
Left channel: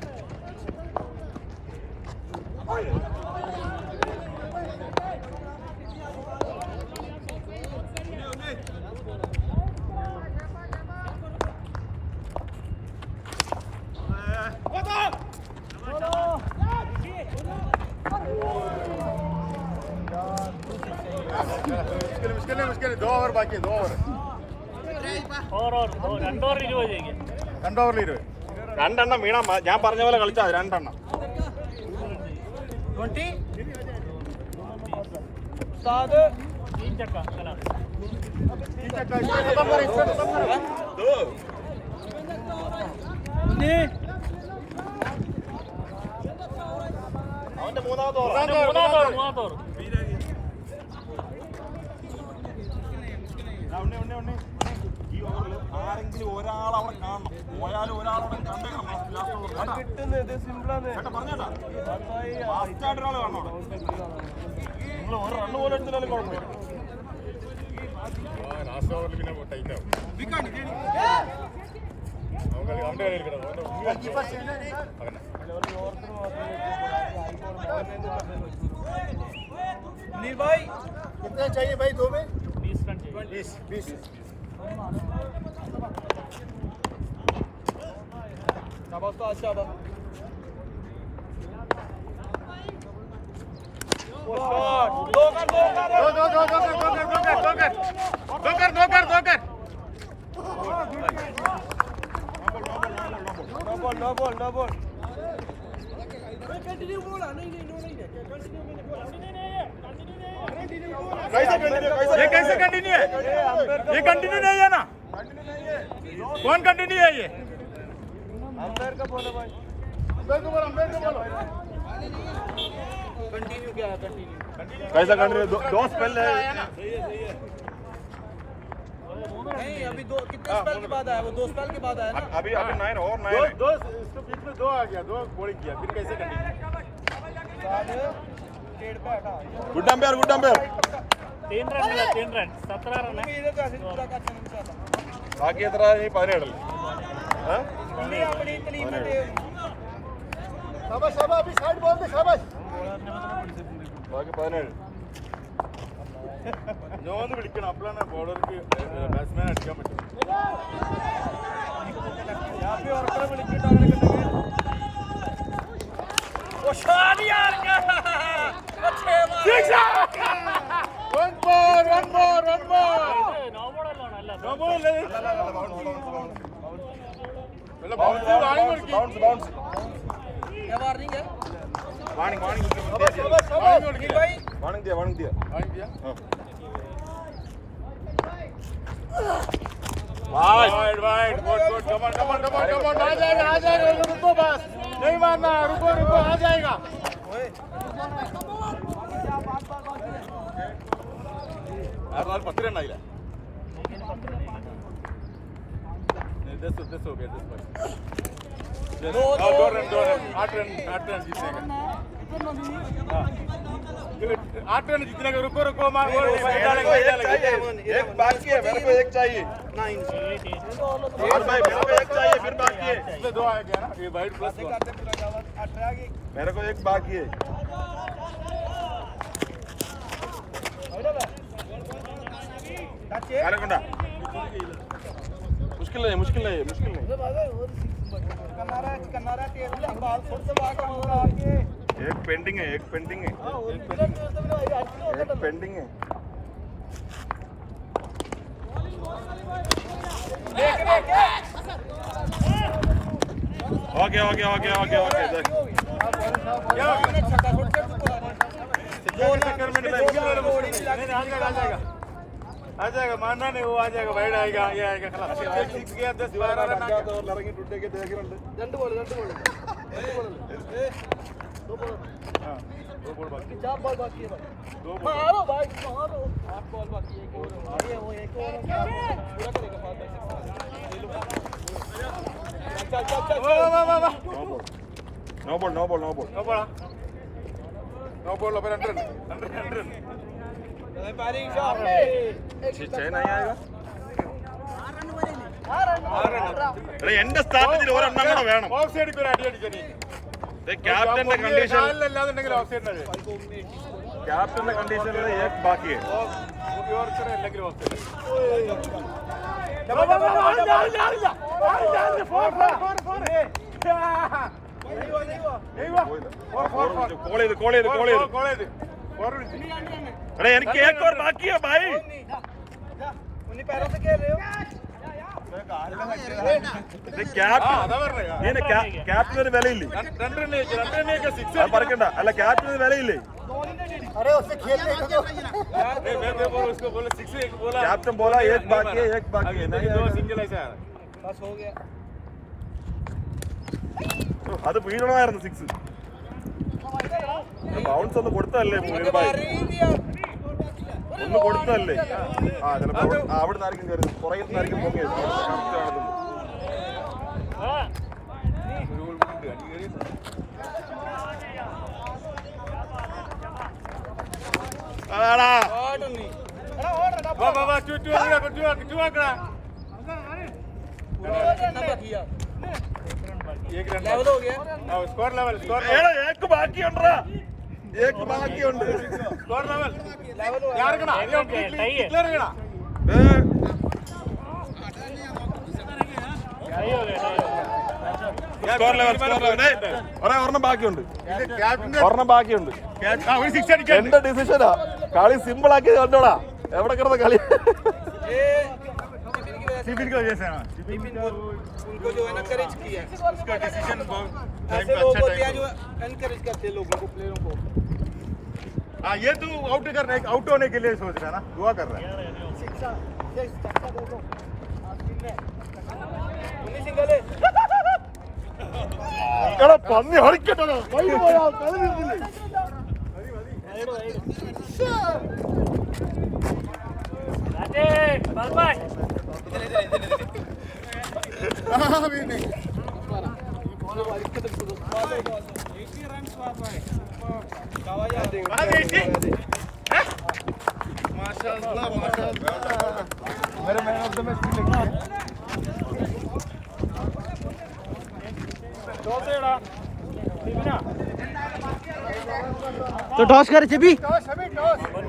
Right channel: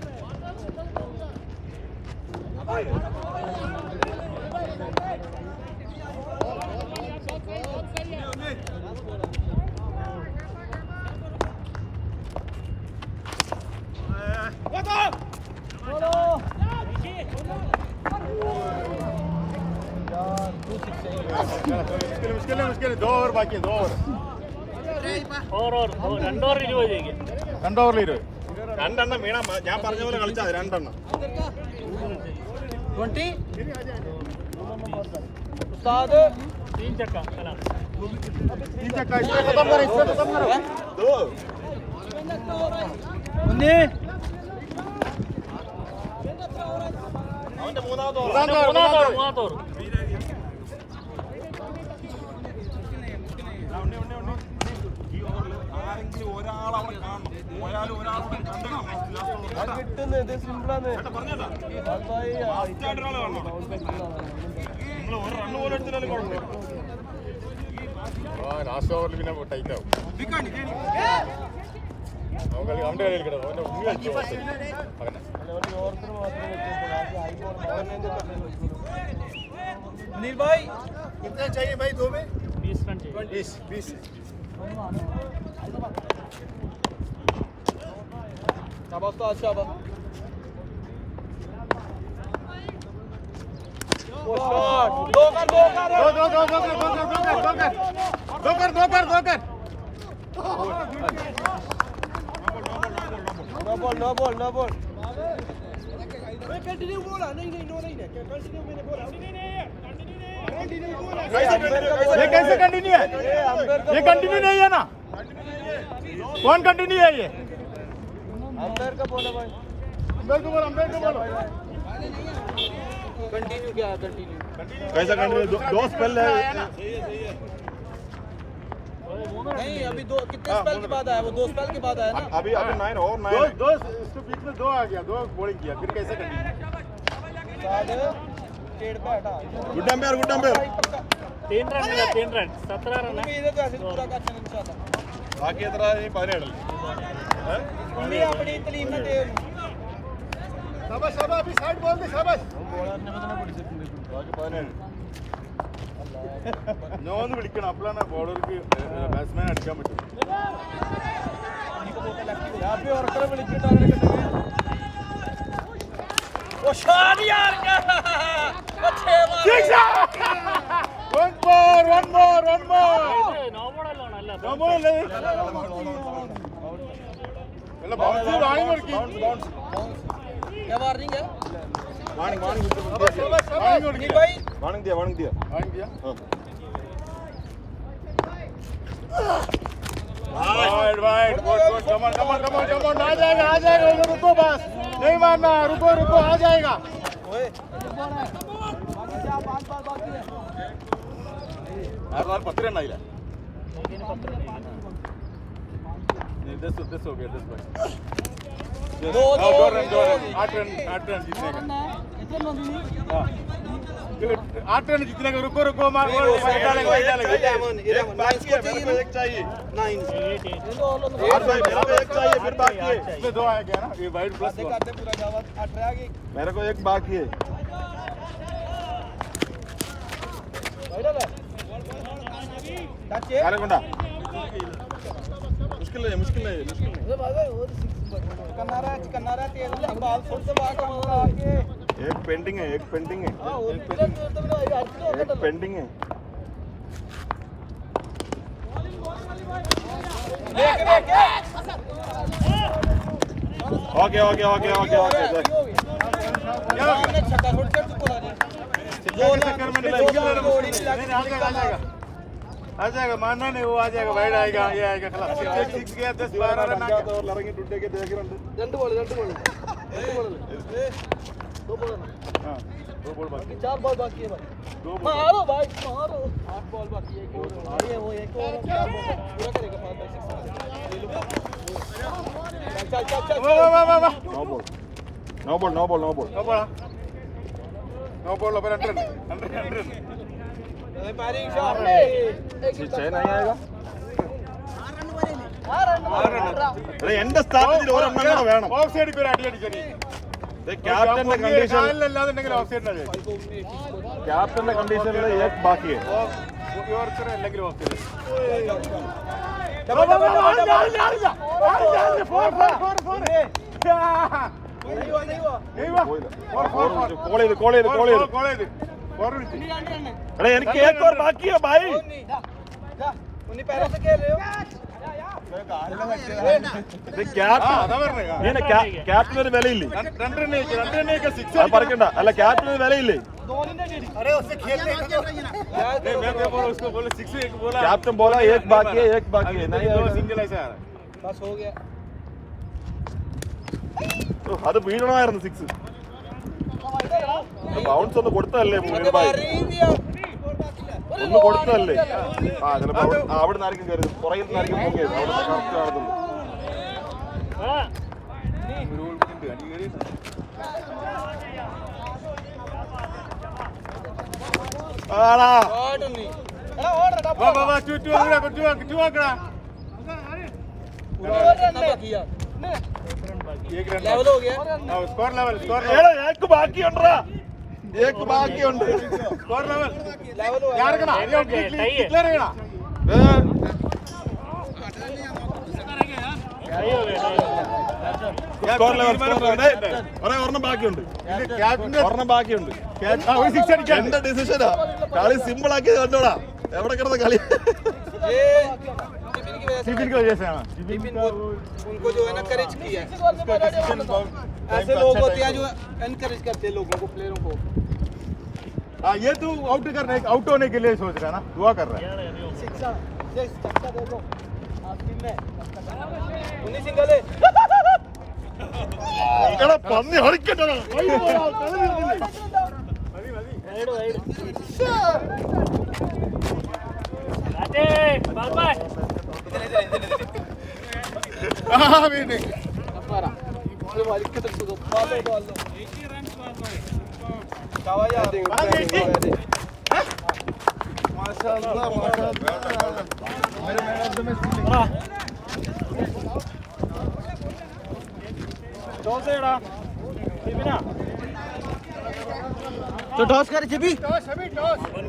मुश्किल 2 ओवर बाकी है, 2 ओवर। और രണ്ട് ഓവർ 20 ചെയ്യും. 2 ഓവറിൽ 20. രണ്ടെണ്ണം വീണാ ഞാൻ പറഞ്ഞ പോലെ കളിച്ചാൽ മതി, രണ്ടെണ്ണം. 20 साद 3 चक्का चला. 3 चक्का इससे खत्म करो, इससे खत्म करो। दो. മൂന്നാമത്തെ ഓവർ. ലാസ്റ്റ് ഓവറിൽ പിന്നെ ടൈറ്റ് ആവും. അവന്റെ കളിയിൽ കിടന്നു. नील भाई कितना चाहिए भाई? 2 में 20 रन चाहिए. 20। शाबाश तो शाबाश। वो शॉट दो कर। नो बॉल कंटिन्यू बोला। नहीं कंटिन्यू मैंने बोला। ये कैसे कंटिन्यू है? ये कंटिन्यू नहीं है ना? कौन कंटिन्यू है ये? कंटिन्यू क्या कंटिन्यू? कैसा कंटिन्यू? दो स्पेल है. नहीं अभी दो कितने स्पेल के बाद आया? वो 2 स्पेल के बाद आया ना। अभी 9 और 9 है. दो बीच में 2 आ गया, 2 बॉलिंग किया, फिर कैसे कंटिन्यू? Good umpire. 3 रन मिला, 3 रन 17 रन है. इधर तो ऐसे पूरा का चलन चाहता। ബാക്കി എത്ര? 17. इंडिया बड़ी तलीम में शाबाश अभी साइड बॉल दे, शाबाश। ബാക്കി 17. നോന്ന് വിളിക്കണം, അപ്പോഴാണ് ബോളർക്ക് ബാറ്റ്സ്മാൻ അടിക്കാൻ പറ്റും. वो शॉट यार क्या अच्छे One more. നോ ബോൾ അല്ല. No more അല്ലേ? വല്ല ബൗൺസ് വാങ്ങി കൊടുക്കി. क्या वार्निंग है? वार्निंग വാങ്ങി കൊടുക്കി. भाई वार्निंग दिया. വാങ്ങി दिया? हाँ. वाइड बहुत कम ऑन आ जाएगा रुको बस, नहीं मानना, रुको आ जाएगा. आज 10 रन आइला. 10 हो गया. 2 रन 8 रन जीतने का. 8 रन जीतने का. रुको मार. एक बाकी है, मेरे को एक चाहिए. यार भाई मेरे को एक चाहिए, फिर बाकी है. इसमें 2 आ गया ना, ये वाइड प्लस 2. मेरे को एक बाकी है. मुश्किल नहीं मुश्किल नहीं एक पेंडिंग है एक पेंडिंग है एक पेंडिंग है okay okay okay okay okay आ जाएगा मानना नहीं वो आ जाएगा वाइड आएगा ये आएगा सिक्स गया 10 12 रन लड़ेंगे टूटे के देख रहे दो बॉल बाकी 4 बॉल बाकी है मारो भाई मारो 8 बॉल बाकी है ये वो एक पूरा करेगा no ball no ball no ball no ball no ball over 100 नहीं आएगा എന്റെ സ്ട്രാറ്റജിയിൽ ഒരെണ്ണം കൂടെ വേണം ഓഫ് സൈഡ് പേര് അടി അടിച്ചടി ക്യാപ്റ്റന്റെ കണ്ടീഷൻ അല്ലാന്നുണ്ടെങ്കിൽ ഓഫ് സൈഡ് ആണ് ക്യാപ്റ്റന്റെ കണ്ടീഷനിൽ ഏക് ബാക്കി है അല്ലെങ്കിൽ ഓഫ് കോൾ ചെയ്ത് अरे എനിക്ക് एक और बाकी है भाई ക്യാപ്റ്റന് ഒരു വിലയില്ലേ അത് പറക്കണ്ട അല്ല ക്യാപ്റ്റന് ഒരു വിലയില്ലേ अरे उससे खेलने का कैप्टन बोला एक बाकी है नहीं അത് വീഴണമായിരുന്നു 6 ബൗൺസ് ഒന്ന് കൊടുത്തതല്ലേ മുനീർഭായ് ഒന്ന് കൊടുത്തതല്ലേ ആ ചിലപ്പോ അവിടെ നിന്നായിരിക്കും കയറി പുറകിൽ നിന്നായിരിക്കും കറക്റ്റ് ആണെന്നുള്ളൂ അതാടാ एक बाकी ഉണ്ടടാ एक बाकी ഉണ്ട് സ്കോർ ലെവൽ ഒരെണ്ണം ബാക്കിയുണ്ട് എന്റെ ഡിസിഷനാ കളി സിമ്പിൾ ആക്കി കണ്ടോടാ എവിടെ കിടന്ന കളി सिविल की वजह से आना उनको जो है ना करेज किया उसका डिसीजन ऐसे लोग होते हैं जो एनकरेज करते हैं लोगों को प्लेयरों को हाँ ये तो आउट होने के लिए सोच रहा है ना दुआ कर रहा है എടാ പന്നി ഹരിക്കട്ടോ तो टॉस कर छवि टॉस